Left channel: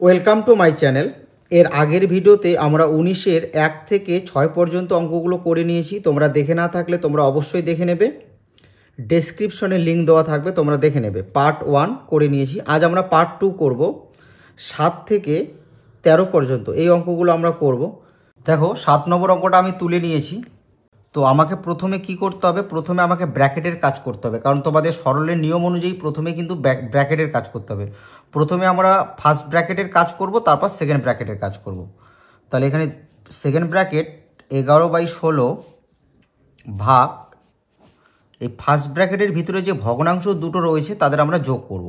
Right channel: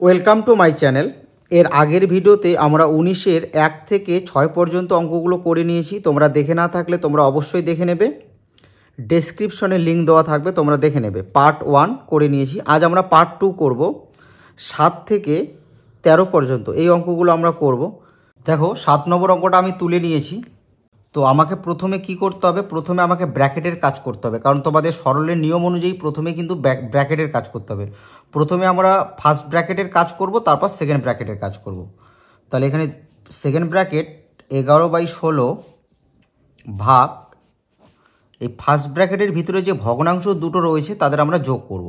Welcome to my channel. এর আগের ভিডিওতে আমরা 19-এর 1 থেকে 6 পর্যন্ত অঙ্কগুলো করে নিয়েছি। তোমরা দেখে না থাকলে তোমরা অবশ্যই দেখে নেবে, ডেসক্রিপশনে লিঙ্ক দেওয়া থাকবে, তোমরা দেখে নেবে। পার্ট 1 করে নিয়েছি, আজ আমরা পার্ট 2 করব। 7 থেকে 13 পর্যন্ত এই অঙ্কগুলো আমরা করব। দেখো 7 নম্বর অঙ্কটা আমি তুলে নিয়েছি। তো আমাকে প্রথমে কি করতে হবে, প্রথমে আমাকে ব্র্যাকেটের কাজ করতে হবে, কারণ তোমাদের সরলের নিয়ম অনুযায়ী প্রথমে কিন্তু ব্র্যাকেটের কাজ করতে হবে। প্রথমে আমরা ফার্স্ট ব্র্যাকেটের কাজ করব, তারপর সেকেন্ড ব্র্যাকেটের কাজ করব। তাহলে এখানে সেকেন্ড ব্র্যাকেট 11/16 ভাগ এই ফার্স্ট ব্র্যাকেটের ভিতরে যে ভগ্নাংশ দুটো রয়েছে তাদের আমরা যোগ করব।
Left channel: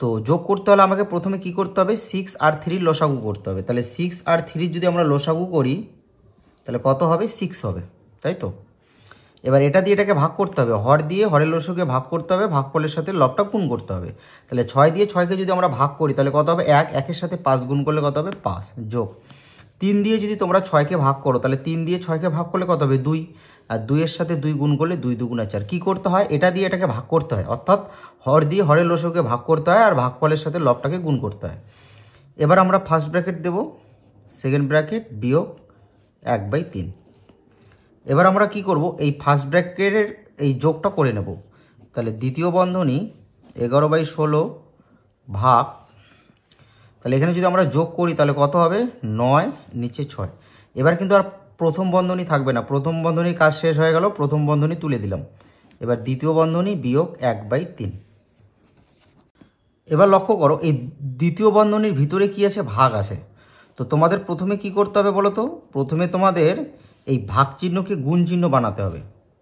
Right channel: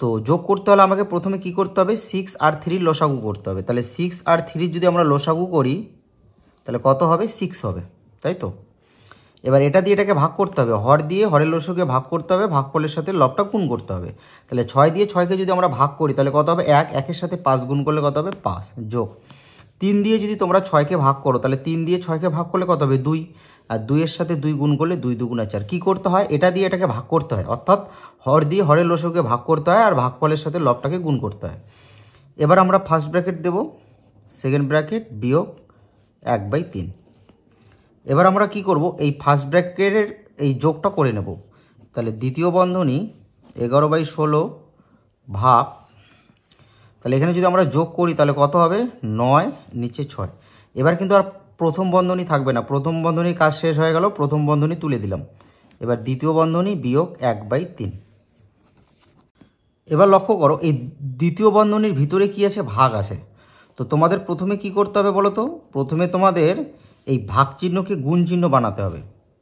তো যোগ করতে হলে আমাকে প্রথমে কি করতে হবে, 6 আর 3 লসাগু করতে হবে। তাহলে 6 আর 3 যদি আমরা লসাগু করি তাহলে কত হবে, 6 হবে, তাই তো। এবার এটা দিয়ে এটাকে ভাগ করতে হবে, হর দিয়ে হরের লসাগুকে ভাগ করতে হবে, ভাগফলের সাথে লবটা গুণ করতে হবে। তাহলে 6 দিয়ে 6কে যদি আমরা ভাগ করি তাহলে কত হবে, 1, 1-এর সাথে 5 গুণ করলে কত হবে, 5, যোগ 3 দিয়ে যদি তোমরা 6কে ভাগ করো তাহলে 3 দিয়ে 6কে ভাগ করলে কত হবে, 2, আর 2-এর সাথে 2 গুণ করলে 2 2 4। কী করতে হয়, এটা দিয়ে এটাকে ভাগ করতে হয়, অর্থাৎ হর দিয়ে হরের লসাগুকে ভাগ করতে হয় আর ভাগফলের সাথে লবটাকে গুণ করতে হয়। এবার আমরা ফার্স্ট ব্র্যাকেট দেব, সেকেন্ড ব্র্যাকেট বিয়োগ 1/3। এবার আমরা কি করব, এই ফার্স্ট ব্র্যাকেটের এই যোগটা করে নেব। তাহলে দ্বিতীয় বন্ধনী 11/16 ভাগ, তাহলে এখানে যদি আমরা যোগ করি তাহলে কত হবে, 9, নিচে 6। এবার কিন্তু আর প্রথম বন্ধনী থাকবে না, প্রথম বন্ধনীর কাজ শেষ হয়ে গেল, প্রথম বন্ধনী তুলে দিলাম। এবার দ্বিতীয় বন্ধনী বিয়োগ 1/3। এবার লক্ষ্য করো এই দ্বিতীয় বন্ধনীর ভিতরে কি আছে, ভাগ আছে। তো তোমাদের প্রথমে কি করতে হবে বলো তো, প্রথমে তোমাদের এই ভাগ চিহ্নকে গুণ চিহ্ন বানাতে হবে,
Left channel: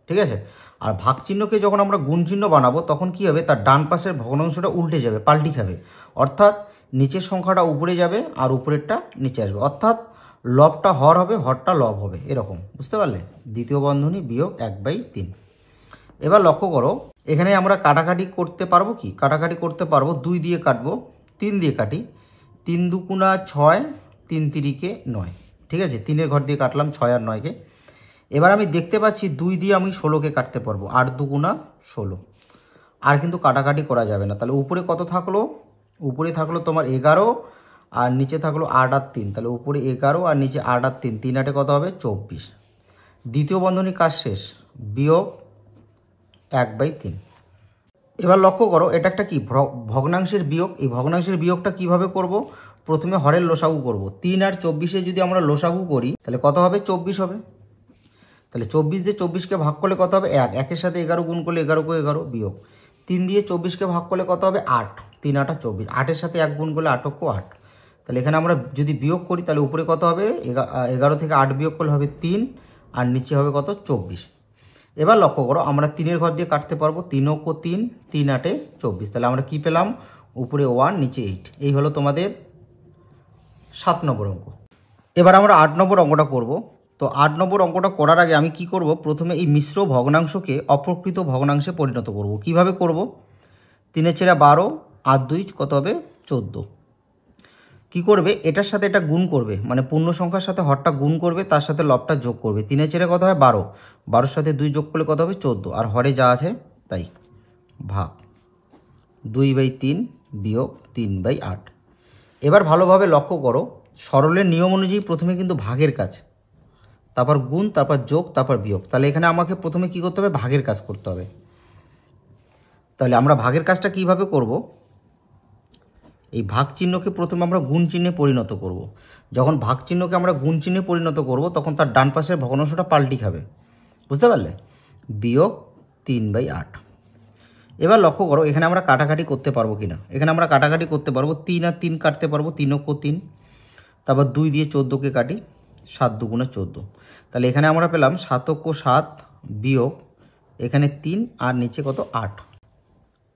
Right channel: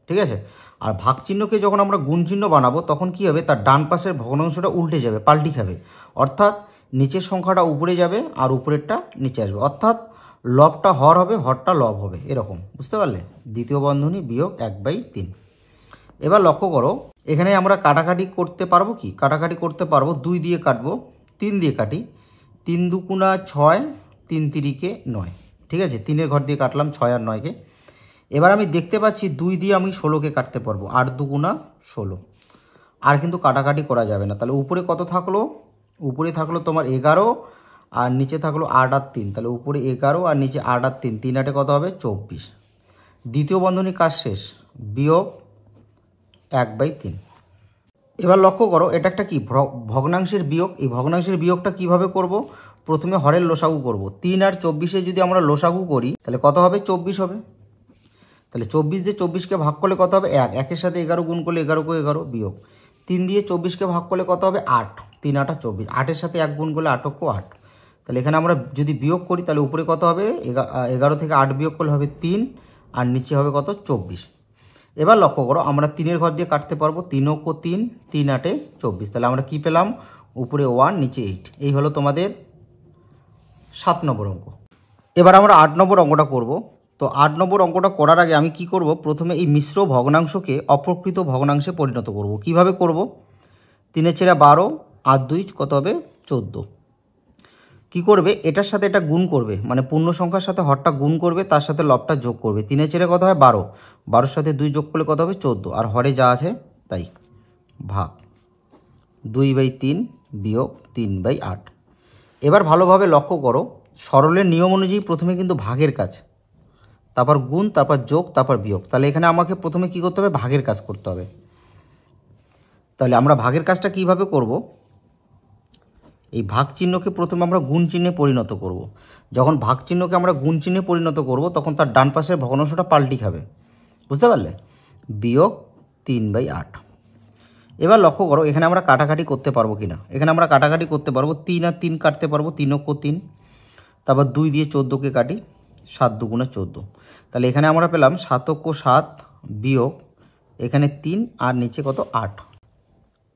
ঠিক আছে। আর ভাগ চিহ্নকে যখন আমরা গুণ চিহ্ন বানাবো তখন কি হবে, তার ডান পাশের ভগ্নাংশটা উল্টে যাবে, পাল্টি খাবে, অর্থাৎ নিচের সংখ্যাটা উপরে যাবে আর উপরেরটা নিচে আসবে, অর্থাৎ লবটা হর হবে, হরটা লব হবে, এরকম, বুঝতে পারলে। দ্বিতীয় বন্ধনী বিয়োগ 1/3। এবার লক্ষ্য করো এখানে আমরা কাটাকাটি করতে পারবো, কি কাটাকাটি করতে পারবো, 2 দিয়ে কাটবো, 3 দিয়ে কাটি, 3 2 6, 3 3 9, ঠিক আছে। 3-এর ঘর দিয়ে কাটলাম 6 আর 9কে। এবার আমি দেখতে পাচ্ছি 2 দিয়ে আমি 16কে কাটতে পারবো, 8 2 16। আর কিন্তু কাটাকাটি করা যাবে না। তাহলে উপরে কত থাকলো, উপরে থাকলো তোমার 11 আর নিচে থাকলো 8 আর 3, তাহলে উপরে 11 আর নিচে 8 আর 3, 3 8-এ কত হবে, 24। দ্বিতীয় বন্ধনীর কাজ শেষ, বিয়োগ 1/3। এবার লক্ষ্য করো এটা একটা কি ভগ্নাংশের বিয়োগ। এই ভগ্নাংশের বিয়োগটা কিভাবে করব, প্রথমে হরের লসাগু করব। 3 আর 24-এ যদি আমরা লসাগু করি তাহলে কত হবে, 24 হবে। তাহলে 24 দিয়ে 24কে ভাগ করলে কত হবে, 1, 1-এর সাথে 11 গুণ করলে 11 × 11 বিয়োগ 3 দিয়ে 24কে ভাগ করলে কত হবে, 8, 3 8 24, 8-এর সাথে 1 গুণ করলে 8 × 8। তাহলে এখানে আমরা যদি বিয়োগ করি তাহলে উপরে কত হবে, 11 থেকে 8 বিয়োগ করলে হবে 3 আর নিচে হবে কত, 24। এবার লক্ষ্য করো আমরা 3-এর ঘর দিয়ে কাটতে পারবো, 3 × 3, 3 8 24। তাহলে আমরা কি পেলাম, উপরে 1 নিচে 8। এই হলো তোমাদের 7 নম্বর অঙ্ক। এবার আমরা 8 নম্বর অঙ্কটা করব। তো 8 নম্বর অঙ্কটা করার আগে আমি কি করব, প্রথমে এই মিশ্র ভগ্নাংশকে অপ্রকৃত ভগ্নাংশে পরিণত করব। কিভাবে করব, 3 × 12 আর 2 কত হবে, 14। কি করবে, এটার সাথে এটা গুণ করবে, মানে পূর্ণ সংখ্যার সাথে হরটা গুণ করবে, তার সাথে লবটা যোগ করবে। 3 × 4 কত হয়, 12, 12-র সাথে 2 যোগ করলে কত হবে, 14, আর হরে যা আছে তাই, ভাগ 2/3 বিয়োগ 3/8। এবার ভালোভাবে লক্ষ্য করো, সরলের নিয়ম অনুযায়ী প্রথমে কিন্তু ভাগের কাজ, তারপর গুণ, তারপর যোগ, তারপর বিয়োগ। তাহলে এখানে আমাকে প্রথমে কি করতে হবে, ভাগের কাজ করতে হবে। তাহলে আমরা ভাগের কাজটা কিভাবে করব, এই ভাগ চিহ্নকে প্রথমে আমরা গুণ চিহ্নে পরিণত করব। যখন ভাগ চিহ্নকে আমরা গুণ চিহ্নে পরিণত করব তখন তার ডান পাশের ভগ্নাংশটা পাল্টি খাবে, বুঝতে পারলে, বিয়োগ 3/8। এবার লক্ষ্য করো এখানে আমরা কাটাকাটি করতে পারবো কিনা, এখানে আমরা কাটাকাটি করতে পারবো, 3 আর 3 কাটতে পারবো, 3 × 3, তারপর 2 দিয়ে 14কে কাটি, 7 2 14। তাহলে এখানে আমরা পেলাম 7 × 7 বিয়োগ এখানে 3 আর নিচে কত, 8।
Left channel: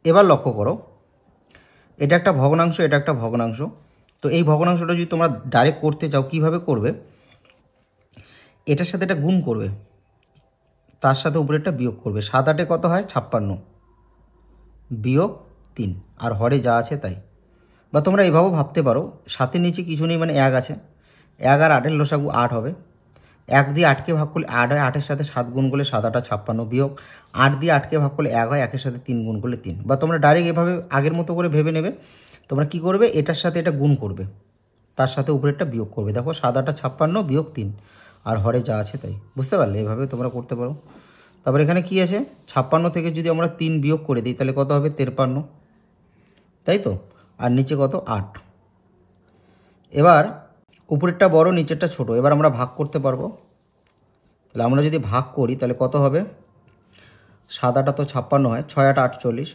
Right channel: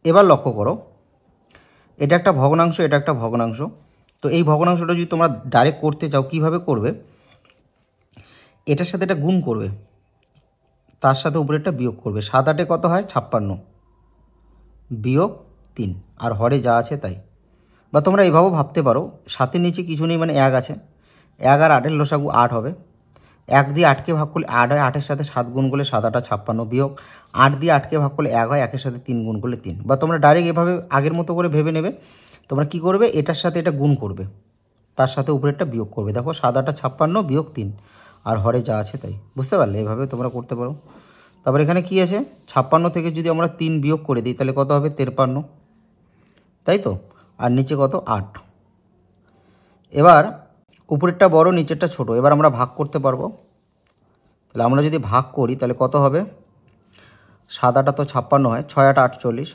এবার লক্ষ্য করো এটা একটা ভগ্নাংশ, এটা একটা ভগ্নাংশ। তো এই ভগ্নাংশটা যদি তোমরা ডাইরেক্ট করতে চাও কিভাবে করবে, এটার সাথে এটা গুণ করবে, তার সাথে উপরেরটা বিয়োগ করবে। 7 8-এ কত হয়, 56 বিয়োগ 3, আর হরে যা আছে তাই। বা তোমরা এইভাবেও ভাবতে পারো, 7-এর নিচে কিছু নেই, মানে 1 আছে, 1 আর 8-এর লসাগু 8 হবে। 1 দিয়ে 8কে ভাগ করলে 8 হয়, 8-এর সাথে 7 গুণ করলে 7 8 56 বিয়োগ 8 দিয়ে 8কে ভাগ করলে 1 হয়, 1-এর সাথে 3 গুণ করলে 3। বা তোমরা ডাইরেক্ট এভাবে আগের মতো করে ভেবে নেবে তোমরা কি করবে, এটার সাথে এটা গুণ করবে, তার সাথে উপরেরটা বিয়োগ করবে। দেখো 7 8 56 বিয়োগ 3, আর হরে যা আছে তাই। বুঝতে পারলে? এভাবে তোমরা করতে পারো। তারপর এখানে কি আছে, 56 থেকে যদি আমরা 3 বিয়োগ করে দিই তাহলে কত হবে, 53, তাই তো। আর নিচে কত, 8। এবার উপরেরটা বড়, নিচেরটা ছোট। এবার আমরা ভাগ করতে পারবো। তাহলে আমরা যদি ভাগ করি তাহলে কত হবে, 7 8 তো 56 হয়, 6 8 48,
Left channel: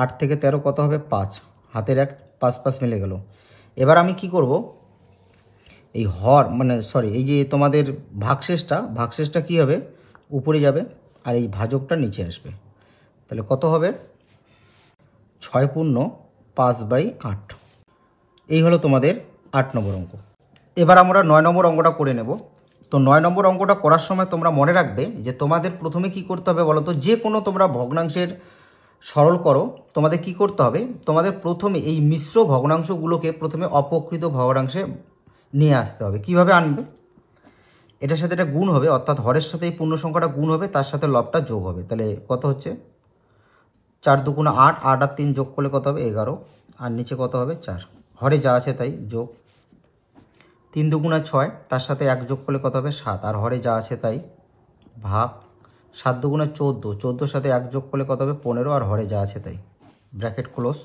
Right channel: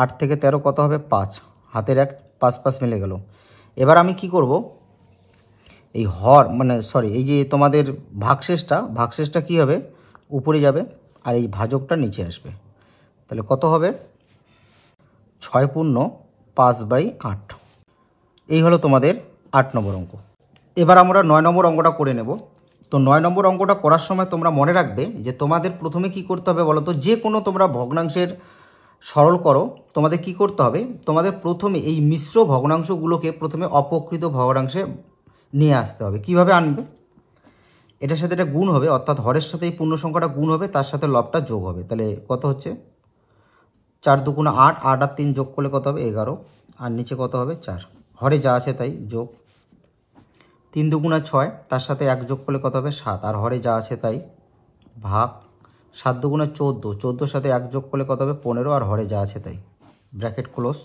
8 থেকে 13 কত হবে, 5, হাতের 1, 5 5 মিলে গেল। এবার আমি কি করব, এই এই যে তোমাদের ভাগশেষটা কি হবে, উপরে যাবে, আর এই ভাজকটা নিচে আসবে। তাহলে কত হবে, 6 পূর্ণ 5/8। এই হলো তোমাদের 8 নম্বর অঙ্ক। এবার আমরা 9 নম্বর অঙ্কটা করে নেব। তো 9 নম্বর অঙ্কটা করার সময় তোমরা মনে রাখবে যে তোমাদের প্রথমে কি করতে হবে বলো তো, যে কোনো তোমরা ভগ্নাংশের সরল করো, তোমাদের কি করতে হবে, তোমাদের প্রথমে এই মিশ্র ভগ্নাংশগুলোকে প্রথমে অপকৃত ভগ্নাংশে নিয়ে আসতে হবে। কিভাবে আনবে, এটার সাথে এটা গুণ হবে, অর্থাৎ হরের সাথে এই পূর্ণ সংখ্যাটা গুণ হবে, তার সাথে লবটা যোগ হবে। তাহলে কত হচ্ছে, 4 2 8, 8 আর 3 যোগ করলে কত হবে, 11, আর নিচে কত হবে, 4, হরে যা আছে তাই যোগ। 3 2 6, তার সাথে 1 যোগ করলে কত হবে, 7, আর হরে যা আছে তাই, ভাগ। 7 2 14, 14 সাথে 1 যোগ করলে কত হবে, 15, আর হরে যা আছে তাই, ব্র্যাকেট ক্লোজ,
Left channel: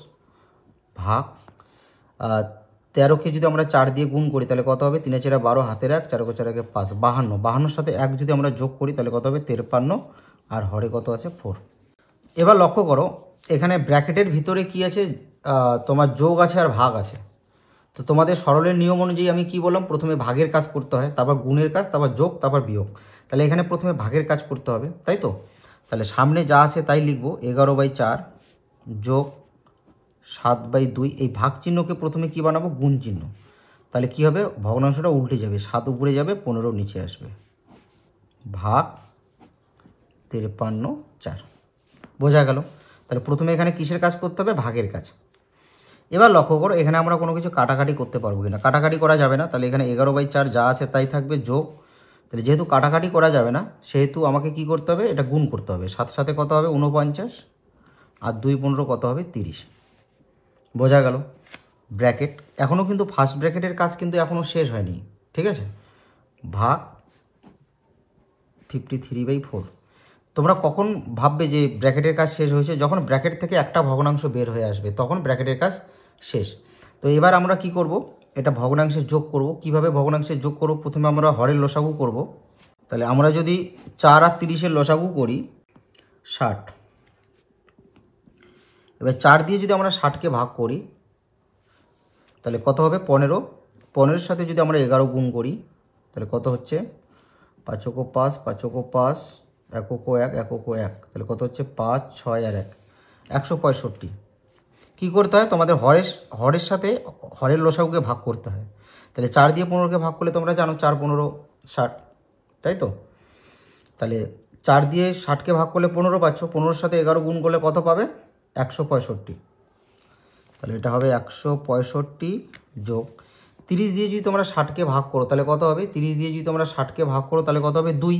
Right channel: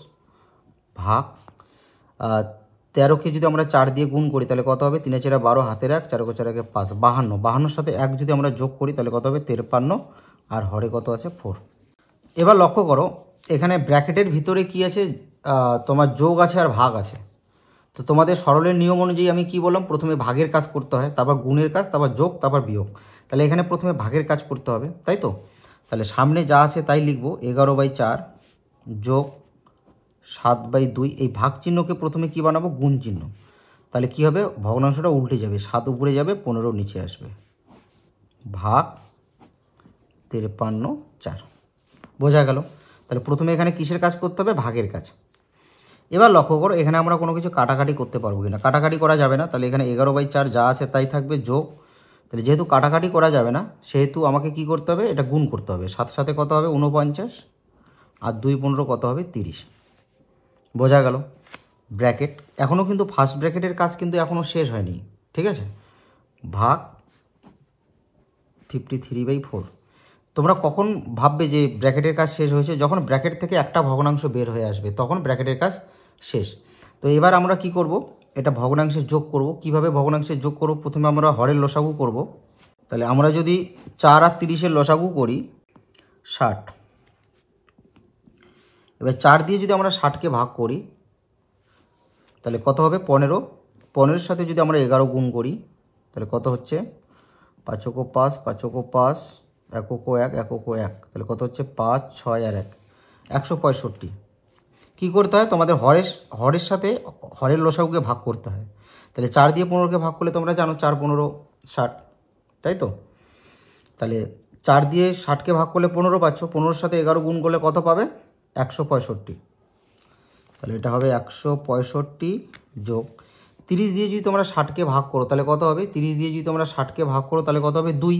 ভাগ। 13কে যদি আমরা 4 দিয়ে গুণ করি তাহলে কত হবে, 3 4 12, হাতের 1, 4 4 1 5, 52, 52 সাথে 1 যদি আমরা যোগ করি তাহলে কত হবে, 53, আর হরে কত আছে, 4। এবার লক্ষ্য করো, এখানে ব্র্যাকেটের ভিতরে কি আছে, তোমার যোগ আছে আর ভাগ আছে। তো তোমাদের সরলের নিয়ম অনুযায়ী আমি কি বললাম, প্রথমে ভাগের কাজ করতে হয়, তারপর গুণের কাজ, তারপর যোগ, তারপর বিয়োগ। তাহলে এখানে প্রথমে ভাগের কাজ করতে হবে, তাই তো। তাহলে সামনে যা আছে তাই লিখবো, 11/4 যোগ 7/2। এই ভাগ চিহ্নকে প্রথমে কি বানাবো, গুণ চিহ্ন। তাহলে কি হবে, ভগ্নাংশটা উল্টে যাবে, 7 উপরে যাবে, 15 নিচে আসবে, ভাগ 53/4। বোঝা গেল? তাহলে প্রথমে এখানে কিসের কাজ করতে হবে, ভাগের কাজ। এবার লক্ষ্য করো, এখানে আমরা কোনো কিছু কাটাকাটি করতে পারবো কিনা, কাটাকাটি করা যাবে না। তাহলে এখানে 11/4 যা আছে তাই থাকবে, যোগ। তাহলে যেহেতু কাটাকাটি করা যাবে না, সেহেতু আমাকে কি করতে হবে, এটা গুণ করতে হবে। 7 সাথে কত হবে, 49, আর 2 15 কত হবে, 30। বোঝা গেল? ব্র্যাকেট এখনও কিন্তু ফার্স্ট ব্র্যাকেটের কাজ কিন্তু এখনও শেষ হয়নি, ঠিক আছে। ভাগ 53/4। তোমরা কখন ভাববে যে ব্র্যাকেটের কাজ শেষ হয়েছে, যখন ব্র্যাকেট থেকে একটা ভগ্নাংশ বের হয়ে আসবে তখন ব্র্যাকেটের কাজ শেষ। তো এবার আমরা কি করব, এটা ভগ্নাংশে যোগ করব। কিভাবে ভগ্নাংশে যোগ করব, প্রথমে আমরা হরের লসাগু করব। তাহলে আমরা যদি 4 আর 30-এর লসাগু করি 60। এবার 4 দিয়ে যদি আমরা 60কে ভাগ করি তাহলে কত হবে, 15। 15-এর সাথে যদি আমরা 11 গুণ করি তাহলে কত হচ্ছে, 5 × 5, 5 × 5, 1 × 1, 1 × 1, তাহলে কত হচ্ছে, 5 6 আর 1, 165। কী করতে হয়, তোমাদের হরের সাথে হরের লসাগুকে ভাগ করতে হয়। তাহলে 4 দিয়ে 15কে ভাগ করলে তোমরা জানো 4 15 60, তাই তো। তাহলে 4 দিয়ে 60কে ভাগ করলে 15 পাচ্ছ, 15-এর সাথে 11 গুণ করলে কত পাবে, 165। তাহলে এটা হবে 165 যোগ 30 দিয়ে যদি তোমরা 60কে ভাগ করো তাহলে কত হবে, 30 দিয়ে যদি তোমরা 60কে ভাগ করো তাহলে কত হবে, 2।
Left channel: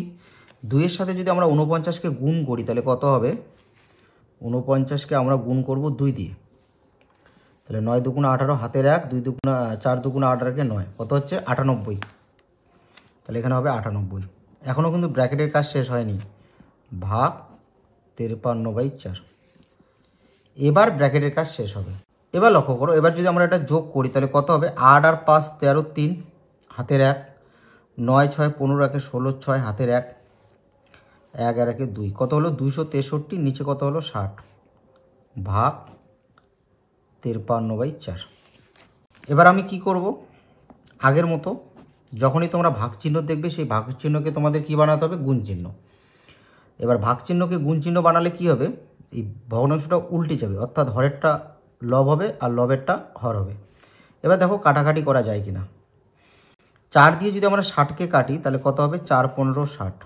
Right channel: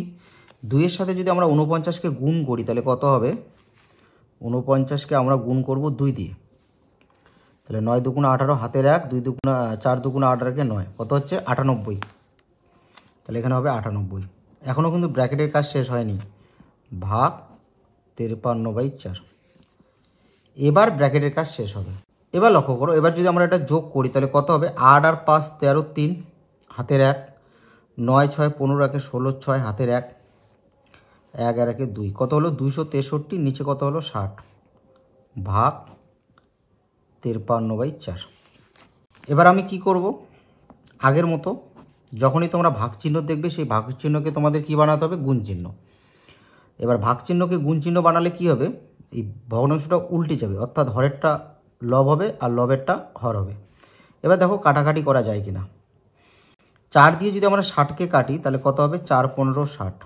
2-এর সাথে যদি আমরা 49কে গুণ করি তাহলে কত হবে, 49কে আমরা গুণ করব 2 দিয়ে। তাহলে 9 2 18, হাতের 1, 2 2 4 2 18-কে 9, কত হচ্ছে, 98। তাহলে এখানে হবে 98। এখনও কিন্তু ব্র্যাকেটের কাজ শেষ হয়নি, ভাগ 53/4। এবার ব্র্যাকেটের কাজ শেষ হবে। এবার লক্ষ্য করো, এবার যদি আমরা এটা যোগ করি তাহলে কত হবে, 8 আর 5 13, 3, হাতের 1, 9 6 15, 1 16, 6, হাতের 1, 1 আর 1 2, কত হলো, 263, নিচে কত হলো, 60, ভাগ 53/4। এবার আমি কি করব, আগের মতো যখনই তোমরা ভাগ চিহ্ন দেখবে সেই ভাগ চিহ্নকে তোমাদের কি বানাতে হবে, গুণ চিহ্ন। এবার ভাগ চিহ্নকে গুণ চিহ্ন বানালে কি হবে, এই ভগ্নাংশটা উল্টে যাবে, অর্থাৎ হরেরটা লব হবে আর লবেরটা হর হবে। এবার দেখো কাটাকাটি করা যায় কিনা। 4 দিয়ে যদি আমরা 60কে কাটি তাহলে কত হবে, 4 15 60,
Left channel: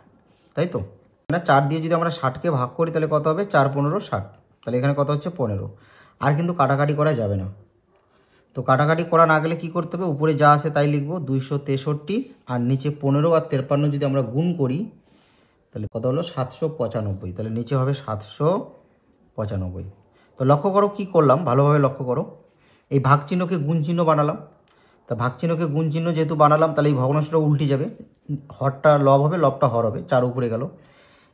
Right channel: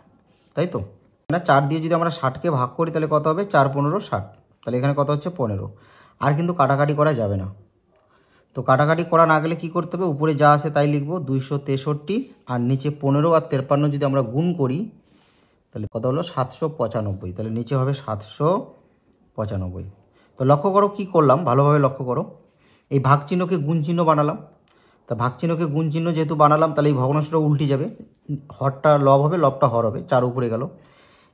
তাই তো না। 4 দিয়ে যদি আমরা 60কে ভাগ করি তাহলে কত হবে, 4 15 60, তাহলে এখানে কত হচ্ছে, 15। আর কিন্তু কাটাকাটি করা যাবে না। তো কাটাকাটি করা না গেলে কি করতে হবে, উপরে যা আছে তাই লিখবো, 263, আর নিচে 15 আর 53 যদি আমরা গুণ করি তাহলে কত হলো, 795। তাহলে নিচে হবে 795। তো লক্ষ্য করো কি করলাম, ভালোভাবে লক্ষ্য করো। এই ভাগ চিহ্নকে গুণ চিহ্ন বানালাম। তা ভাগ চিহ্নকে গুণ চিহ্ন যেহেতু বানালাম, তাহলে এই ভগ্নাংশটা উল্টে যাবে, হরটা লব হবে, লবটা হর হবে, 4 উপরে গেল।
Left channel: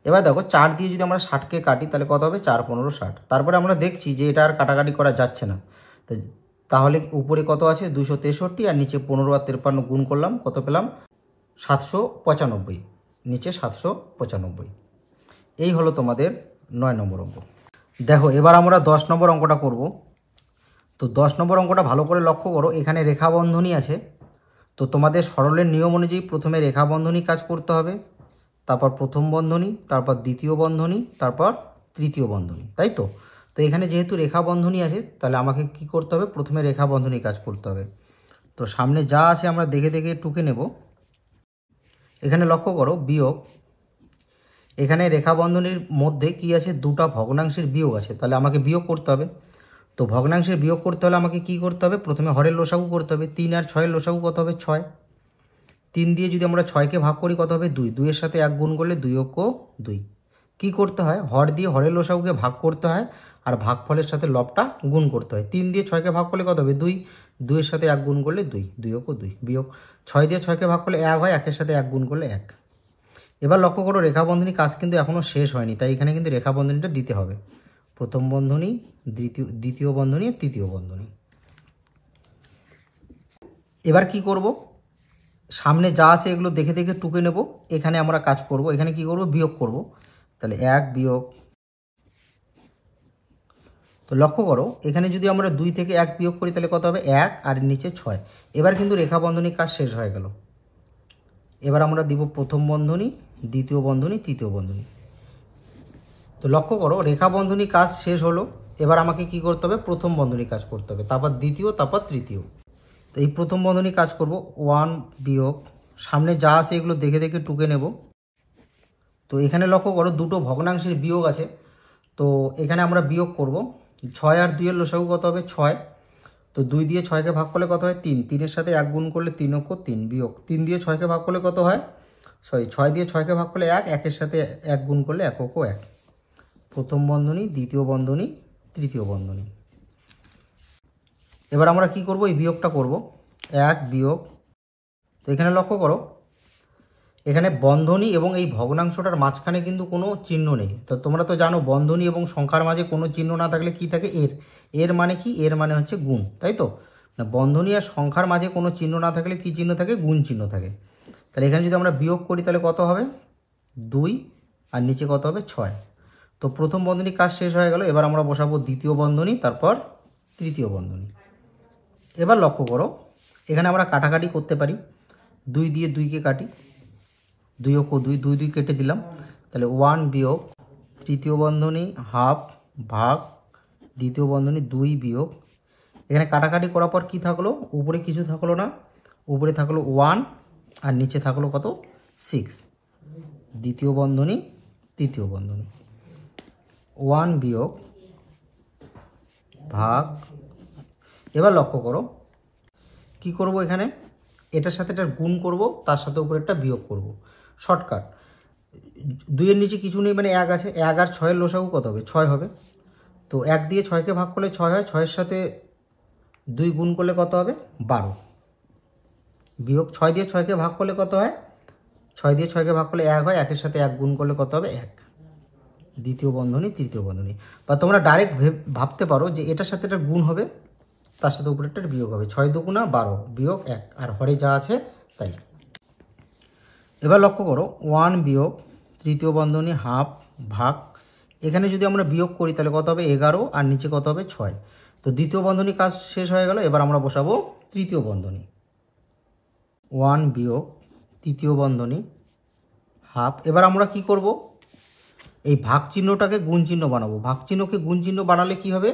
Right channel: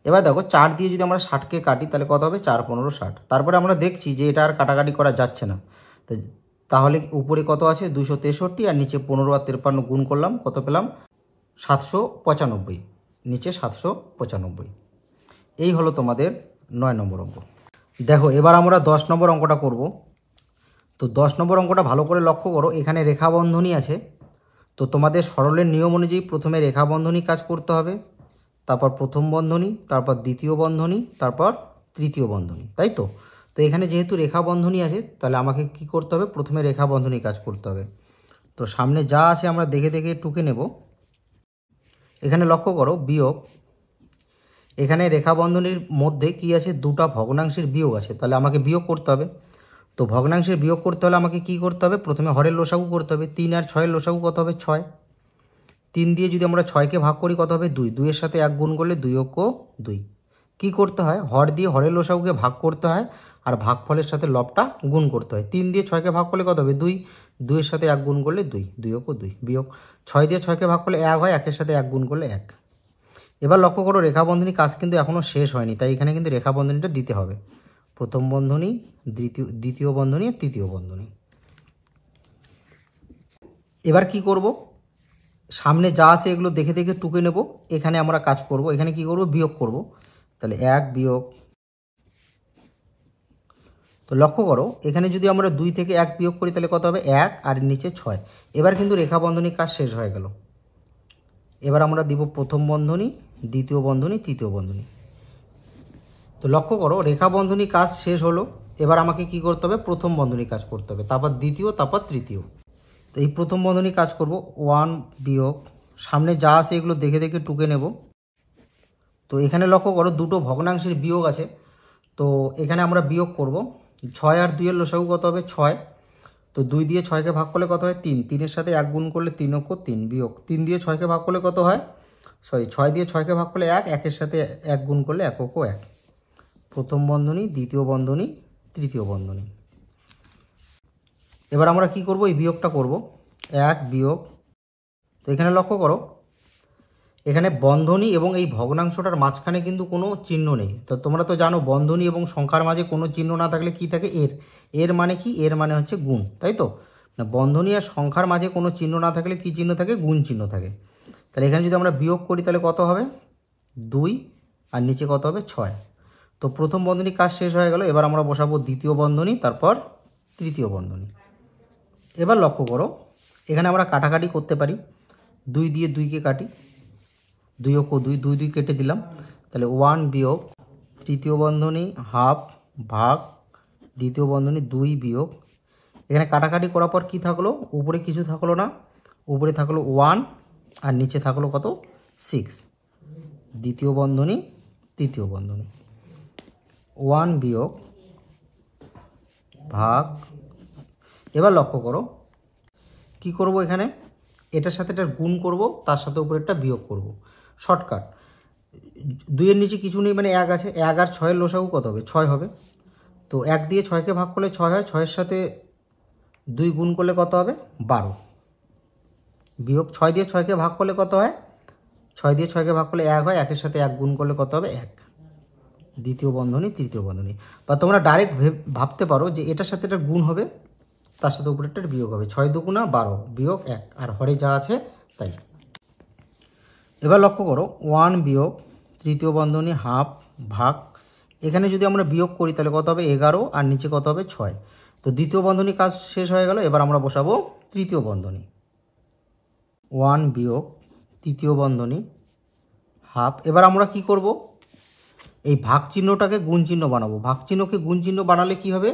এবার দেখো 4 দিয়ে যদি আমরা 60কে কাটি তাহলে কত হবে, 4 15 60। তারপরে আমরা দেখছি যে এটা আর কাটাকাটি করা যাচ্ছে না, তাহলে উপরে কত আছে 263, আর নিচে 15 আর 53 গুণ করলাম, কত পেলাম 795, নিচে 795। এই হলো তোমাদের 9 নম্বর অঙ্ক। দেখো এবার আমরা 10 নম্বর অঙ্কটা করব। তো 10 নম্বর অঙ্কটা ভালো করে লক্ষ্য করো, এখানে রেখা বন্ধনী আছে। তো তোমাদের সরলের নিয়ম অনুযায়ী প্রথমে রেখা বন্ধনী কাজ করতে হবে, তারপর প্রথম বন্ধনী, তারপর দ্বিতীয় বন্ধনী, তারপর তৃতীয় বন্ধনী, তাই তো। তো এখানে যেহেতু রেখা বন্ধনী আছে, তাহলে আমাকে কি করতে হবে, প্রথমে রেখা বন্ধনী কাজ করতে হবে। তো সামনে যা আছে আমরা দেখে দেখে টুকে নেব। এখানে লক্ষ্য করো বিয়োগ, এখানে রেখা বন্ধনীর মধ্যে কি আছে, দুটা ভগ্নাংশের বিয়োগ আছে, তাহলে আমাকে বিয়োগ করতে হবে। তো ভগ্নাংশের বিয়োগ করতে হলে আমাকে কি করতে হবে, প্রথমে হরের লসাগু করতে হবে। 3 আর 6 লসাগু কত হবে, 6। 3 দিয়ে যদি আমরা 6কে ভাগ করি কত হবে, 2। 2 এর সাথে 1 গুণ করলে 2 অক্ষ 2। কী করতে হয়, হর দিয়ে হরের লসাগুকে ভাগ করতে হয়, আর ভাগফলের সাথে লবটা গুণ করতে হয়। 3 দিয়ে 6কে ভাগ করলে কত হবে, 2। 2 এর সাথে 1 গুণ করলে 2, 2 অক্ষ 2। বিয়োগ 6 দিয়ে 6কে ভাগ করলে 1 হয়, 1 এর সাথে 1 গুণ করলে 1। এবার লক্ষ্য করো রেখা বন্ধনী কাজ কিন্তু এখনও শেষ হয়নি, তাই এখানে কিন্তু রেখা বন্ধনীটা দিতে হবে। প্রথম বন্ধনী, দ্বিতীয় বন্ধনী, তৃতীয় বন্ধনী। এবার কি করব, সামনে যা আছে এগুলো দেখে দেখে টুকে নেব। এখানে আমরা কাজ করব, এখানে কি করব, বিয়োগ করব। তাহলে 1 বিয়োগ, তো লক্ষ্য করো এখানে যদি আমরা 2 থেকে 1 বিয়োগ করি তাহলে কত হবে, 1 আর নিচে 6। এবার কিন্তু রেখা বন্ধনীর কাজ শেষ হয়ে গেল। এবার আমরা দিব প্রথম বন্ধনী, দ্বিতীয় বন্ধনী, তৃতীয় বন্ধনী। তো লক্ষ্য করো রেখা বন্ধনী কাজ শেষ হলো। এবার আমাকে কি করতে হবে, প্রথম বন্ধনী কাজ করতে হবে, তারপর দ্বিতীয়, তারপর তৃতীয়। তো এই প্রথম বন্ধনী কাজ করব, 1 বিয়োগ, সামনে যা আছে এগুলো দেখে দেখে টুকে নেব। তো এখানে লক্ষ্য করো দুটো ভগ্নাংশের বিয়োগ আছে, তো এখানে আমরা বিয়োগ করব। 6 আর 2 এর লসাগু কত হবে, 6। তো 2 দিয়ে 6কে ভাগ করলে কত হয়, 3। 3 এর সাথে 1 গুণ করলে 3 অক্ষ 3। বিয়োগ 3 দিয়ে 6কে ভাগ করলে কত হয়, 6 দিয়ে 6কে ভাগ করলে 1, 1 এর সাথে 1 গুণ করলে 1 অক্ষ 1। প্রথম বন্ধনী, দ্বিতীয় বন্ধনী, তৃতীয় বন্ধনী। এবার আমরা কি করব, এই বিয়োগটা করব, 1 বিয়োগ। তো এখানে লক্ষ্য করো এখানে বন্ধনী এবং এই ভগ্নাংশটার মাঝখানে কিন্তু কোনো চিহ্ন নেই। তো তোমরা তো জানো বন্ধনী এবং সংখ্যার মাঝে কোনো চিহ্ন না থাকলে কি থাকে, এর মানে কি, এর মানে হচ্ছে গুণ, তাই তো। না, বন্ধনী আর সংখ্যার মাঝে কোনো চিহ্ন না থাকলে কি চিহ্ন থাকে, গুণ চিহ্ন থাকে। তাহলে এখানে যদি আমরা বিয়োগ করি তাহলে কত হবে, 2, আর নিচে কত হবে, 6। তো প্রথম বন্ধনী কাজ শেষ হয়ে গেল। এবার আমরা বসাবো দ্বিতীয় বন্ধনী, তারপর তৃতীয় বন্ধনী। এবার লক্ষ্য করো এখানে আমরা কাটাকাটি করতে পারি। 2 দিয়ে 2কে কাটি, 2 অক্ষ 2, 2 2 কেটে দিলাম। তাহলে 1 বিয়োগ, তৃতীয় বন্ধনী হাফ ভাগ, দ্বিতীয় বন্ধনী 2 বিয়োগ। এখানে কাটাকাটি করার পর কী থাকলো, উপরে কিছু থাকলো না, উপরে থাকলো 1 আর নিচে থাকলো কত, 6। দ্বিতীয় বন্ধনী, তৃতীয় বন্ধনী, 1 বিয়োগ ভাগ। এবার লক্ষ্য করো কি করব, এখানে এটার সাথে এটা গুণ করব, তার সাথে উপরে একটা বিয়োগ করব। শর্টকাট, 2 এর নিচে কিছু নেই মানে 1 আছে, 1 আর 6 এর লসাগু কত হবে, 6 হবে। তো 1 দিয়ে 6কে ভাগ করলে 6 হয়, 6 এর সাথে 2 গুণ করলে কত হবে, 12। বিয়োগ 6 দিয়ে 6কে ভাগ করলে কত হয়, 6 দিয়ে 6কে ভাগ করলে 1 হয়, 1 এর সাথে 1 গুণ করলে কত হবে, 1। দ্বিতীয় বন্ধনী, তৃতীয় বন্ধনী। বা তোমরা ডাইরেক্ট ভাবতে পারো যে এটার সাথে এটা গুণ হবে, তার সাথে উপরেরটা বিয়োগ হবে। 6 দুগুণা 12 বিয়োগ 1, আর হরে যা আছে তাই। এবার লক্ষ্য করো 1 বিয়োগ, তৃতীয় বন্ধনী হাফ ভাগ। এখানে যদি আমরা বিয়োগ করি তাহলে কত হবে, 11, আর নিচে কত হবে, 6। তো দ্বিতীয় বন্ধনী কাজ শেষ হয়ে গেল। এবার আমরা বসাবো তৃতীয় বন্ধনী, 1 বিয়োগ, তৃতীয় বন্ধনী হাফ। এবার আমরা কি করব, এই ভাগ চিহ্নটাকে গুণ চিহ্ন বানাবো। ভাগ চিহ্নকে গুণ চিহ্ন বানালে কি হবে,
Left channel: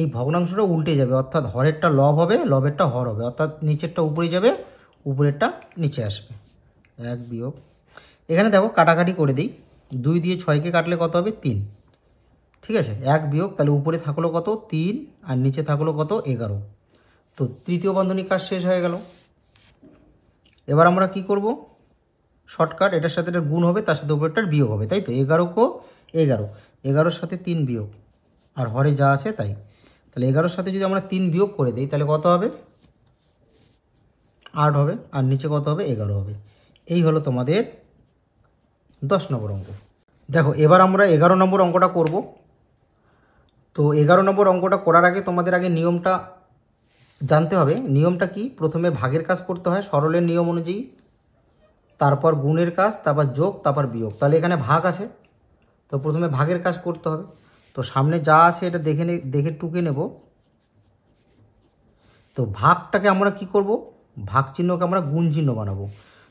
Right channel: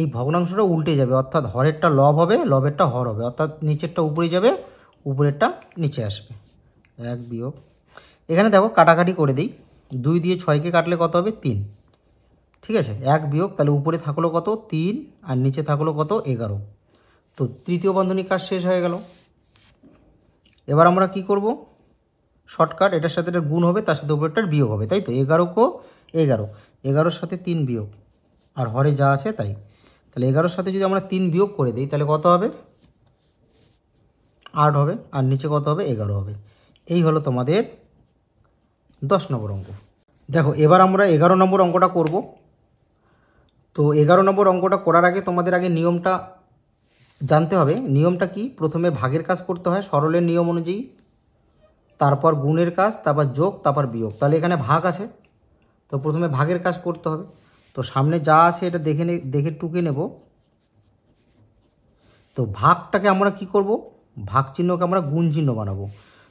এই ভগ্নাংশটা উল্টে যাবে, অর্থাৎ হরেরটা লব হবে, লবেরটা হর হবে, অর্থাৎ নিচেরটা উপরে যাবে, উপরেরটা নিচে আসবে। 1 বিয়োগ, এখানে দেখো কাটাকাটি করে দিই। 2 দিয়ে 6কে কাটলে কত হবে, 3। ঠিক আছে, 1 বিয়োগ, তাহলে উপরে থাকলো কত, 3, আর নিচে থাকলো কত, 11। তো তৃতীয় বন্ধনীর কাজ শেষ হয়ে গেল। এবার আমরা কি করব, শর্টকাট, এটার সাথে এটা গুণ হবে, তার সাথে উপরেরটার বিয়োগ হবে, তাই তো। 11 কো 11, 11-র সাথে 3 বিয়োগ, আর হরে যা আছে তাই। তাহলে 11-র সাথে যদি আমরা 3 বিয়োগ করে দিই তাহলে কত হবে? 8 হবে, আর নিচে কত হবে? 11 হবে। এই হলো তোমাদের 10 নম্বর অঙ্ক। দেখো এবার আমরা 11 নম্বর অঙ্কটা করব। তো 11 নম্বর অঙ্কটা করার আগে তোমাদের আগে নিয়মটা জানতে হবে। নিয়মটা কি? প্রথমে ভাগের কাজ করতে হয় সরলের নিয়ম অনুযায়ী, তারপর গুণের কাজ, তারপর যোগ, তারপর বিয়োগ। তাহলে এখানে ভাগ আছে, তো প্রথমে ভাগের কাজ করতে হবে। তো সামনে যা আছে এটা দেখে টুকে নেব। তো ভাগটাকে আমরা কি করব? ভাগ চিহ্নকে আমরা গুণ চিহ্ন বানাবো।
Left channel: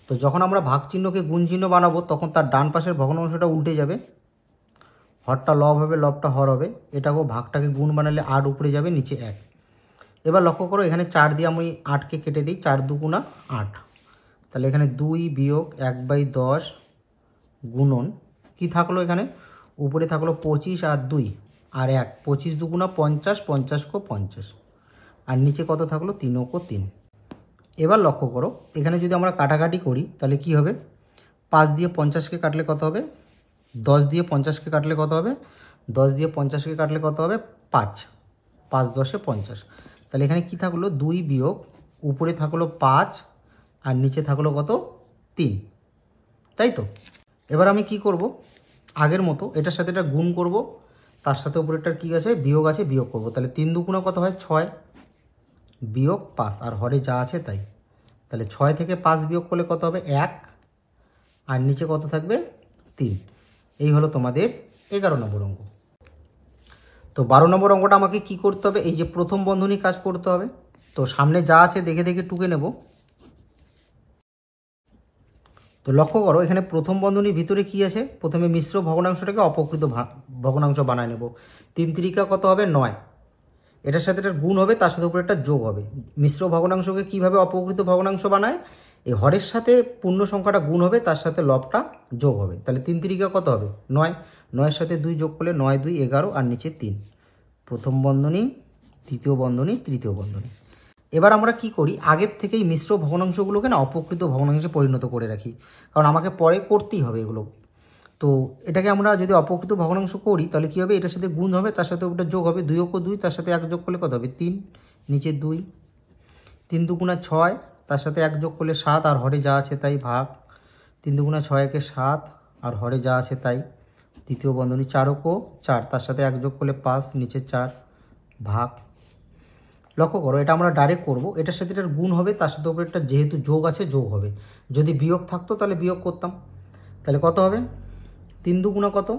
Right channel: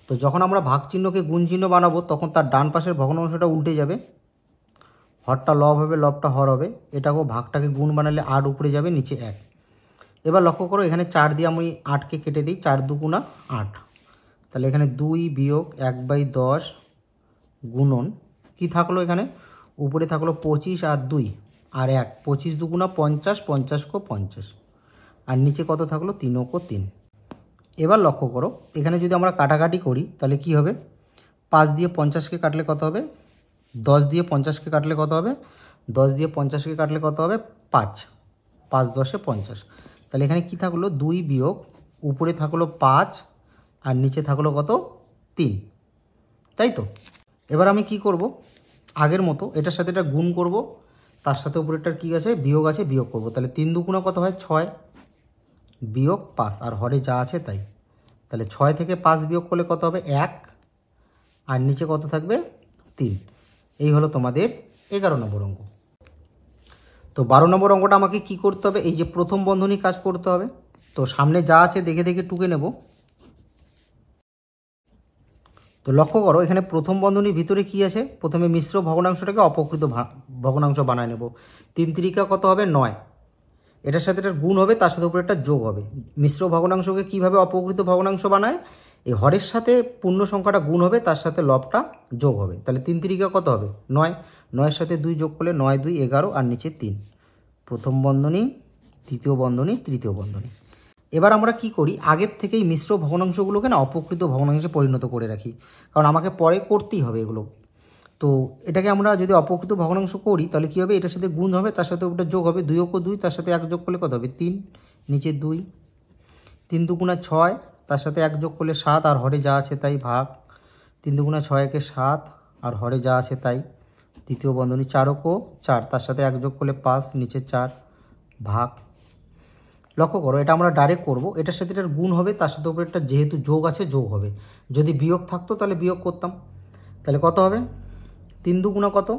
তো যখন আমরা ভাগ চিহ্নকে গুণ চিহ্ন বানাবো তখন তার ডান পাশের ভগ্নাংশটা উল্টে যাবে, হরটা লব হবে, লবটা হর হবে। এটাকেও ভাগটাকে গুণ বানালে 8 উপরে যাবে, নিচে 1। এবার লক্ষ্য করো এখানে 4 দিয়ে আমি 8কে কেটে দিই, 4 দুগুণা 8। তাহলে এখানে 2 বিয়োগ 1/10 গুণন কি থাকলো? এখানে উপরে থাকলো 25 আর 2 আর 1, 25 দুগুণা 50, 50 কো 50, আর নিচে কত থাকলো? 3 কো 3। এবার লক্ষ্য করো এখানে যদি আমরা কাটাকাটি করি তাহলে কি হবে? 5 দিয়ে 50কে কাটলে কত হবে? 10 দিয়ে 50কে কাটলে কত হবে? 10 দিয়ে 50কে কাটলে কত হবে? 5, 5 10 50। তাহলে এখানে কি থাকলো? 2 বিয়োগ উপরে থাকলো 5 আর নিচে থাকলো কত? 3, তাই তো? এবার আমি কি করব? আগের মতো এটার সাথে এটা গুণ করব, তার সাথে উপরেরটার কি আছে? বিয়োগ আছে, বিয়োগ করব। তাহলে 3 দুগুণা কত হয়? 6 বিয়োগ 5, আর হরে যা আছে তাই। তাহলে 6 থেকে 5 বিয়োগ করলে কত হবে? 1, আর নিচে কত থাকবে? 3। এই হলো তোমাদের 11 নম্বর অঙ্ক। তো 12 নম্বর অঙ্কটা আমাকে কি করতে হবে? এই যে প্রথম বন্ধনী কাজ করতে হবে। তো সামনে যা আছে দেখে দেখে টুকে নেব। তো লক্ষ্য করো এখানে প্রথম বন্ধনীর ভিতরে কি আছে? প্রথমে মিশ্র ভগ্নাংশটাকে অপকৃত ভগ্নাংশ বানায় নেব। 3 তিরিকা কত হবে? 9। এটার সাথে এটার গুণ হবে, তার সাথে উপরে একটা যোগ হবে। মিশ্র ভগ্নাংশকে কিভাবে অপকৃত ভগ্নাংশ বানায়? এই হরের সাথে পূর্ণ সংখ্যাটা গুণ হবে, তার সাথে লবটা যোগ হবে। তাহলে 3 তিরিকা কত হবে? 9। 9-এর সাথে 2 যোগ করলে 9 2 11, আর নিচে 3। প্রথম বন্ধনী, দ্বিতীয় বন্ধনী, তৃতীয় বন্ধনী। এবার আমরা কি করি? আগের থেকেই মিশ্র ভগ্নাংশগুলোকে না অপকৃত ভগ্নাংশে পরিণত করে রাখি, কারণ আমাকে পরে করতেই হবে এগুলো। তো এটাকে আমরা যদি অপকৃত ভগ্নাংশ করি তাহলে কী হবে? এটার সাথে গুণ হবে, তার সাথে ওটা যোগ হবে। 2 ও 2, তার সাথে 1 যোগ করলে কত হবে? 3, নিচে 2। 3 দুগুণা 6, তার সাথে 1 যোগ করলে 7, আর হরে যা আছে তাই, ভাগ। 3 দুগুণা 6 একে 7, আর হরে যা আছে তাই। তৃতীয় বন্ধনী 4 ও 4, তার সাথে 1 যোগ করলে 5, নিচে 4, ভাগ। লক্ষ্য করো এটা আমরা ডাইরেক্ট করব, এটার সাথে এটার গুণ হবে, তার সাথে উপরে একটা যেহেতু যোগ আছে যোগ হবে। যদি বিয়োগ থাকতো তাহলে বিয়োগ করতাম। তাহলে কত হবে? 3 দুগুণা কত?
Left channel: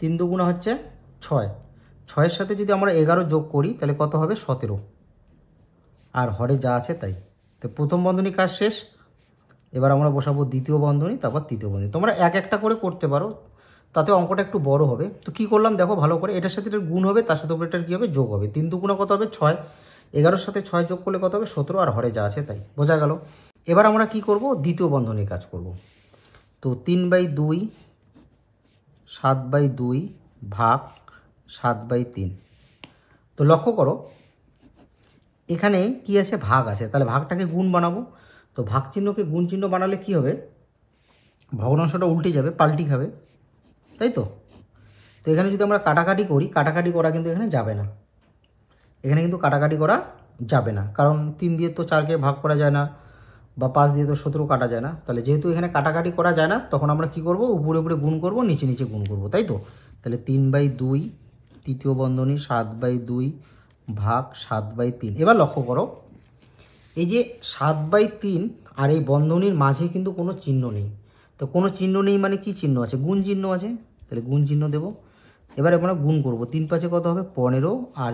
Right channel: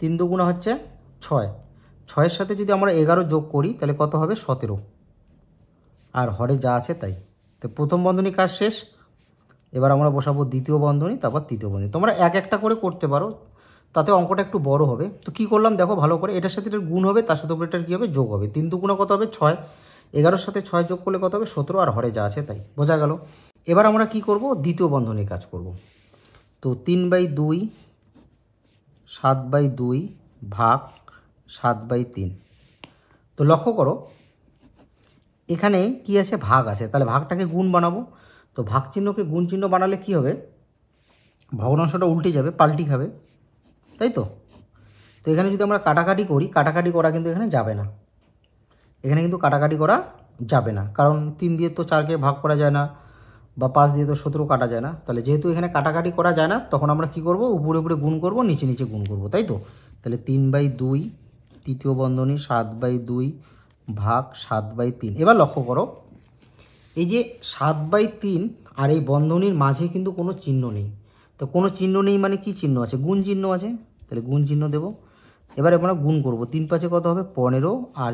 3 দুগুণা হচ্ছে 6। 6-এর সাথে যদি আমরা 11 যোগ করি তাহলে কত হবে? 17, আর হরে যা আছে তাই। তো প্রথম বন্ধনী কাজ শেষ। এবার আমরা বসাবো দ্বিতীয় বন্ধনী, তারপর তৃতীয় বন্ধনী। তোমরা এক একটা করে করতে পারো, তাতে অঙ্কটা একটু বড় হবে। তো কী করলাম দেখো ভালো করে, এটার সাথে এটার গুণ হবে, তার সাথে উপরে এটার কী হবে? যোগ হবে। 3 দুগুণা কত হবে? 6। 11-র সাথে 6 যোগ করলে কত হবে? 17, আর হরে যা আছে তাই। বোঝা গেল? এবার আমরা কি করব? দ্বিতীয় বন্ধনীর কাজ করব। তো 3/2 7/2 ভাগ 7/3। তো লক্ষ্য করো এখানে কি আছে? ভাগ আছে, তাহলে ভাগটাকে গুণ বানাবো। তো ভাগ চিহ্নকে গুণ চিহ্ন বানালে কি হবে? ভগ্নাংশটা উল্টে যাবে, পাল্টি খাবে, তাই তো? তো এখানে যদি আমরা কাটাকাটি করি, কাটাকাটি করা কিন্তু এখানে যাবে না। এখানে কিন্তু কাটাকাটি করা যাবে না, কারণ 3 দিয়ে তো 4কে ভাগ করা যায় না, বা 5 দিয়ে তো 17 কাটা যায় না। তাহলে যেহেতু এখানে কাটাকাটি করা যায় না, তখন আমরা কি করব? উপরে উপরে গুণ করব, নিচে নিচে গুণ করব, তাই তো? তাহলে 3/2 তৃতীয় বন্ধনী 7/2 ভাগ 7/3। এবার লক্ষ্য করো এই যে 7/3 আর এই বন্ধনীর মাঝে কিন্তু কোনো চিহ্ন নেই। তো কোনো চিহ্ন নেই মানে কি চিহ্ন আছে? গুণ চিহ্ন আছে, তাহলে গুণ চিহ্ন দেব। এবার আমরা গুণ করব। 3 5 কত হবে? 15, আর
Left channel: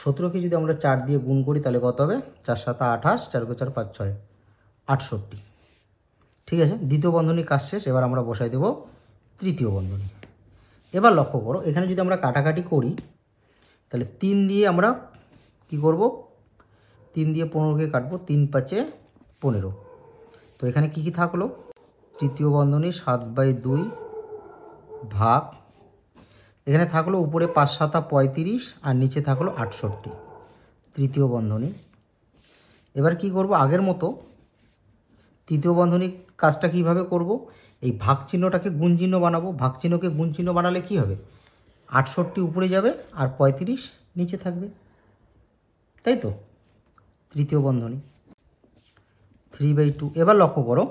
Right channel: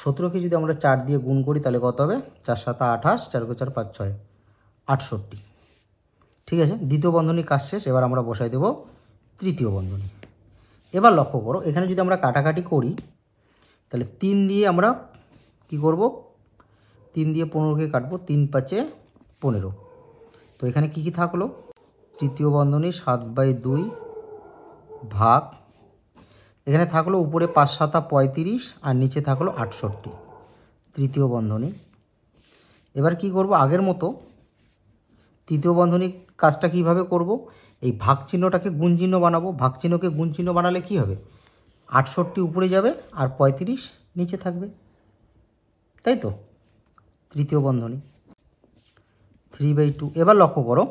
17কে যদি আমরা 4 দিয়ে গুণ করি তাহলে কত হবে? 4 7 28, 4 4 5 6 68। ঠিক আছে, দ্বিতীয় বন্ধনী কাজ শেষ। এবার আমরা বসাই দেব তৃতীয় বন্ধনী। এবার লক্ষ্য করো এখানে যদি আমরা কাটাকাটি করি তাহলে 3 দিয়ে আমরা কি করব? 3 দিয়ে 15কে কাটবো, 3 5 15। তো এখানে কি কি থাকলো? তৃতীয় বন্ধনী 7/2 ভাগ, এখানে থাকলো উপরে 5 7 35, আর নিচে থাকলো 68, তৃতীয় বন্ধনী। এবার কি করব? আগের মতো তৃতীয় বন্ধনীর কাজটা কিভাবে করব? এই ভাগ চিহ্নটাকে গুণ চিহ্ন বানাবো। ভাগ চিহ্নকে গুণ চিহ্ন বানালে কি হবে? 68 উপরে যাবে আর 35 নিচে থাকবে, তাই তো? তৃতীয় বন্ধনী 3/2। এবার লক্ষ্য করো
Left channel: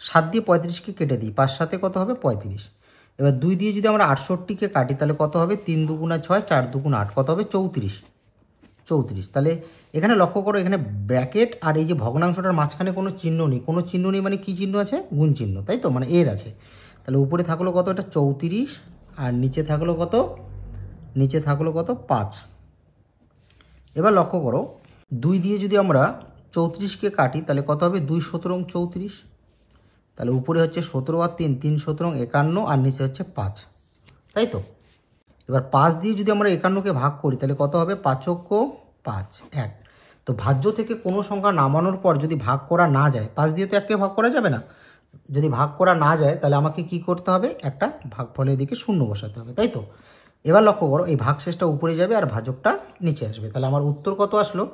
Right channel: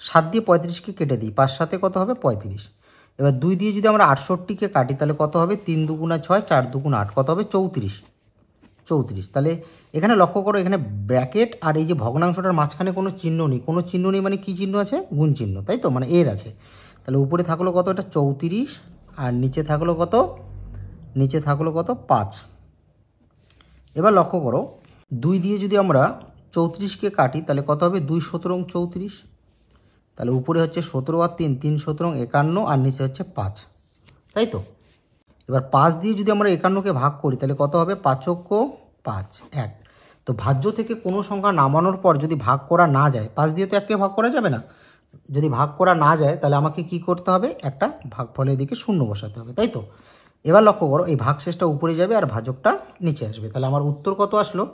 7 দিয়ে 35কে কেটে দিই, 5 সাথে কত হবে 35। এবার 2 দিয়ে যদি আমরা 68কে কাটি তাহলে কত হবে 3 দুগুণা 6, 4 দুগুণা 8, কত হবে 34। তাহলে এখানে লক্ষ্য করো এখানে ব্র্যাকেট আর এই যে ভগ্নাংশটার মাঝখানে কোনো চিহ্ন নেই। কোনো চিহ্ন নেই মানে কী চিহ্ন আছে? গুণ চিহ্ন, তাই তো? মানে এর আছে। তাহলে উপরে থাকলো কত? এটা 34 আর নিচে থাকলো কত? নিচে থাকলো কত? 5। এবার লক্ষ্য করো 2 দিয়ে যদি আমরা 34কে কাটি তাহলে কত হবে 2 17 34। তাহলে উপরে হচ্ছে 17 আর 3, 3 17 51 আর নিচে হচ্ছে 5, তাই তো? এবার 5 দিয়ে যদি আমরা 51কে ভাগ করি তাহলে কত হবে 5 5 1। তো ভাজ্য থেকে কোনো সংখ্যা নামানোর পর যদি ভাগ করা না যায়, 5 দিয়ে তো 1কে ভাগ করা যাবে না, যদি ভাগ করা না যায় তাহলে আমাকে কি করতে হবে? একটা ভাগফলের দিকে শূন্য বসাতে হবে, তাই তো? এবার লক্ষ্য করো এই ভাগশেষটা উপরে যাবে আর ভাজকটা নিচে আসবে। তাহলে আমার উত্তর কত আসলো?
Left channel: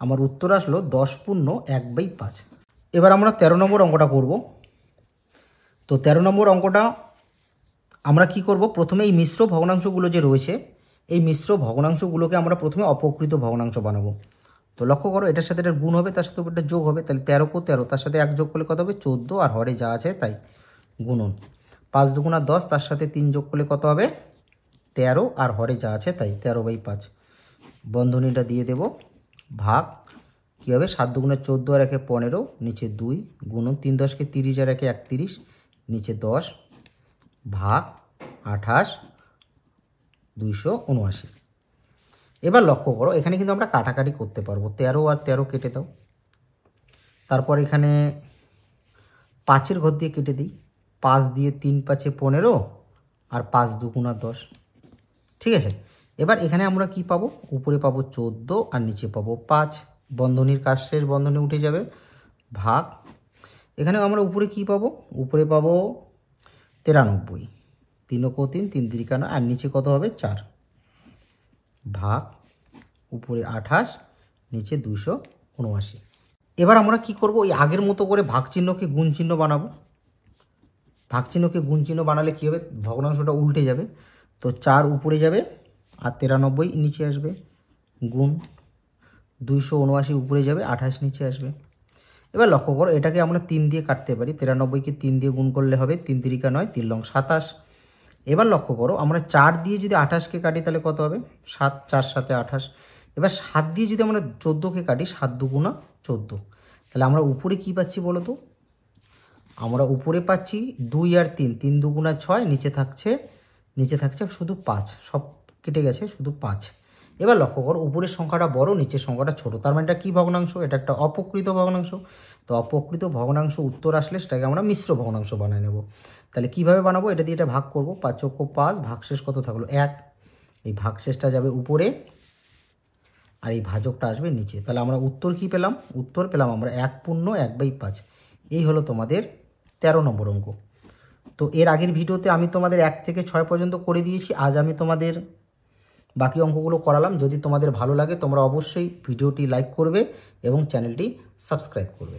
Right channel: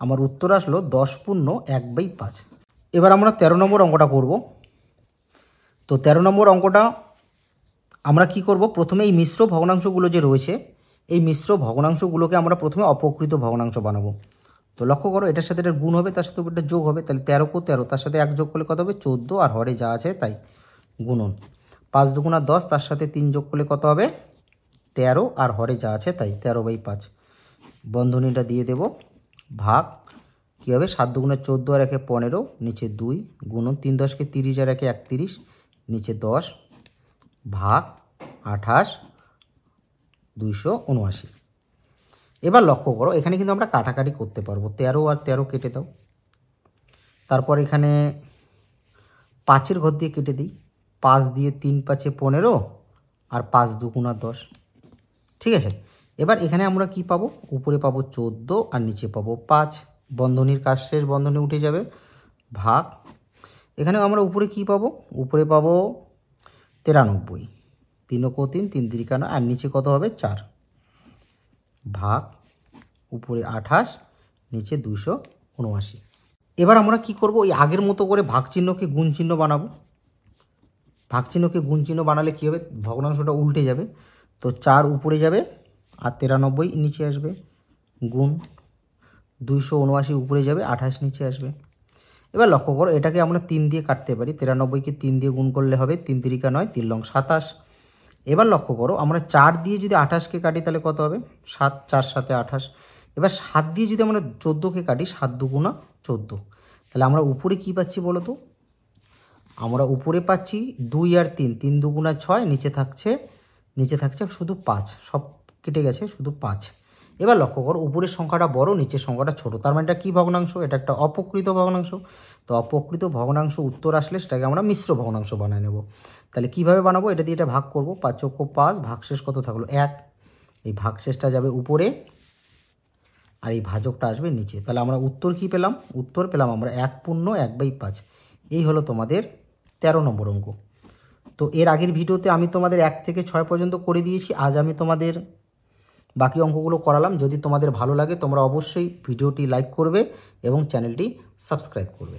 আমার উত্তর আসলো 10 পূর্ণ 1/5। এবার আমরা 13 নম্বর অঙ্কটা করব। তো 13 নম্বর অঙ্কটা আমরা কি করব? প্রথমে এই মিশ্র ভগ্নাংশগুলো যে রয়েছে এই মিশ্র ভগ্নাংশগুলোকে আমরা প্রথমে অপকৃত ভগ্নাংশ বানাবো। তো লক্ষ্য করো এটার সাথে এটার গুণ হবে, তার সাথে এটা যোগ হবে। তাহলে 13 × 13, তার সাথে 1 যোগ করলে কত হবে 14 আর হরে যা আছে তাই গুণন 5 দুগুণা 10, তার সাথে 3 যোগ করলে কত হবে 13 আর হরে যা আছে তাই 13/5। বন্ধনীটা দিয়ে দেব, ভাগ কী হবে 7 দুগুণা 14 আর 1 15, নিচে 2 গুণন 3 10কে 30 আর 1 31, নিচে 10 ভাগ 28 279। এবার লক্ষ্য করো এখানে কিন্তু আমরা কাটাকাটি করতে পারবো। 13 আর 13 কেটে দাও, তারপর এখানে 5-এর ঘর দিয়ে কেটে দিই। 5 দিয়ে 3 5 15 আর 5 দুগুণা 10, ঠিক আছে? এবার এখানে আমরা কি পাবো? উপরে পাবো 14 আর নিচে পাবো 5। বন্ধনীর কাজ শেষ, বন্ধনী উঠে যাবে, ভাগ এখানে আমরা উপরে কি পাবো? উপরে পাবো 93, 3 × 3 3 3 9 আর নিচে কত হবে 4, ভাগ উপরে 28 নিচে 279। এবার আমরা কি করব? ওই আগের মতো করে ভাগ চিহ্নকে গুণ চিহ্ন বানাবো। ভাগ চিহ্নকে গুণ চিহ্ন বানালে কী হবে? ভগ্নাংশটা উল্টে যাবে। তো 4 উপরে যাবে আর 93 নিচে আসবে, গুণ 279 উপরে যাবে, 28 নিচে আসবে। এবার লক্ষ্য করো এটাকে আমরা 3 দিয়ে কাটতে পারি। 93কে 3 দিয়ে গুণ করলে হবে 3 3 9, 3 লং 27। এবার লক্ষ্য করো আমরা 4 দিয়ে যদি 28কে কাটি তাহলে কত হবে 7, 4 7 28। এবার 7 দিয়ে যদি আমরা 14কে কাটি 7 দুগুণা 14। তাহলে আমরা উপরে কি পাচ্ছি বলো তো? আমরা উপরে পাচ্ছি 2 আর 3, 3 দুগুণা 6, নিচে থাকছে শুধু 5, সব কেটে গেছে শুধু 5। এবার লক্ষ্য করো উপরের সংখ্যাটা বড়, নিচের সংখ্যাটা ছোট, তার মানে এটা কী ভগ্নাংশ? এটা একটা অপকৃত ভগ্নাংশ। তো অপকৃত ভগ্নাংশ উত্তর আসলে সেটাকে আমরা মিশ্র ভগ্নাংশ বানিয়ে নেব। তাহলে কিভাবে বানাবো? এটা দিয়ে এটা ভাগ করব, 5 × 5, ভাগশেষ কত থাকলো 1। এই ভাগশেষটা যাবে উপরে আর এই ভাজকটা আসবে নিচে। তাহলে আমরা উত্তর কি পেলাম? উত্তর পেলাম আমরা 1 পূর্ণ 1/5। এই হলো তোমাদের 13 নম্বর অঙ্ক। তো এর আগের ভিডিওতে আমি তোমাদের 1 থেকে 6 পর্যন্ত করে দিয়েছি। আজ আমি তোমাদের বাকি অঙ্কগুলো করালাম। যদি তোমাদের ভালো লাগে তোমরা অবশ্যই ভিডিওটি লাইক করবে এবং চ্যানেলটি সাবস্ক্রাইব করবে।